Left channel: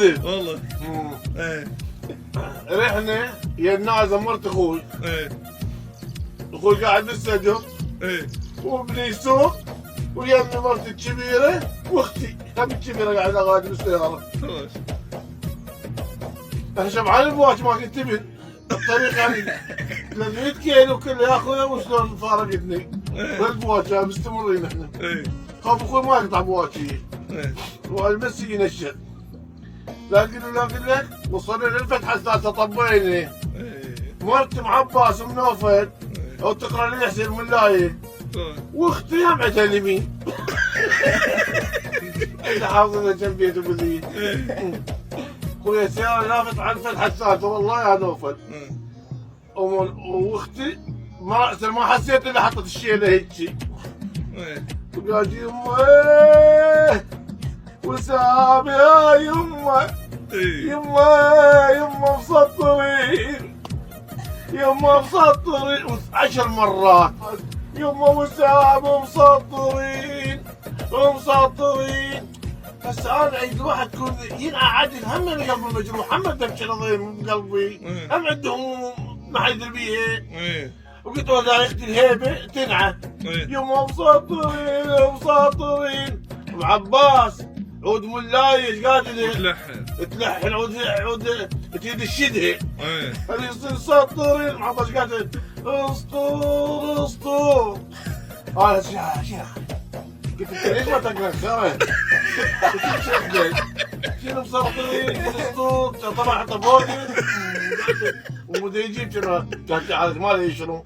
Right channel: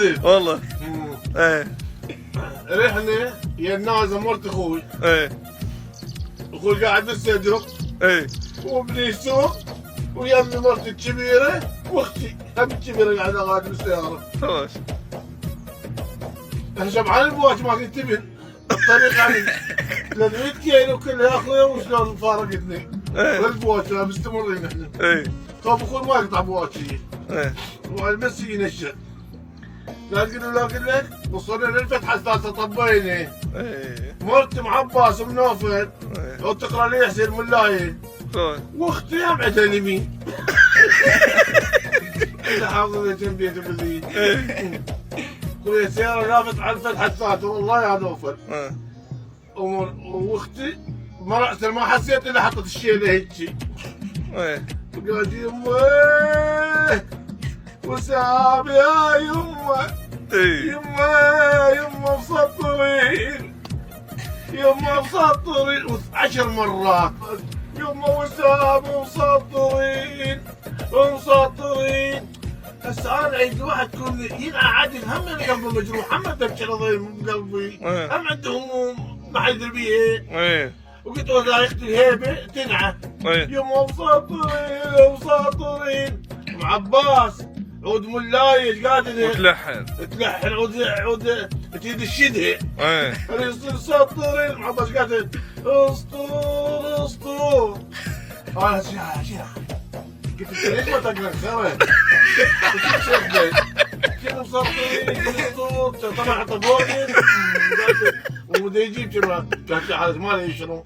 كذب والله. مم. ايه رحنا يا النازل مرت اخوي، ايه اخوي قاعد بالصدر ايه وابني يسوق ويا مرتي الكبيره واختي هذه الكبيره قاعده غادي بالسياره. خلاص. احنا شبعان البواش ما كنت تبن الطريق يعني 300 كيلو كله يا اخويا وشلون فارقتني ايه والبواش مستمرين احنا. ايه خاف اخوي ما يقطع بواشيه ايه والمس ينشل. لكن لك وصلنا للفتحه الثالثه طبيني ايه مرتي مع عباس منوفل ايه وتقرا لي حسين الملاي خلاص. واختي هم عندها اليمين. اللي حافظنا جنبي بذي. ايه خويا السياره لافت على الفتحه الثالثه والله يا نوفل. اه واختي ما حسيت الا حطت الشيله هيجي. ايه قاعد يمه وسام يا يمه ايه يمه مسطرين يمه مسطرين 10 مرات يمه وسام مسطرين. هسه انا عند واحد يكون ينعاد هم انا قلبي مجروح هم دبش عظيم بقلبي هم عنده هموم ما حد يدري بيها. ايه وقلت له ذايقة الهيبه تنعى ايه يما مساطرين وعباس عود ملاي ايش قادر وتلحن. تلحن عود تريد الشده ايه اللي يصير ساطرين مع عباس قادر اسطور انا شنو قلت انت ليش ما تقرا خير؟ شنو مسطرين اسطور طبعا حتى فوقي ومدري يجيب شنو ما له شنو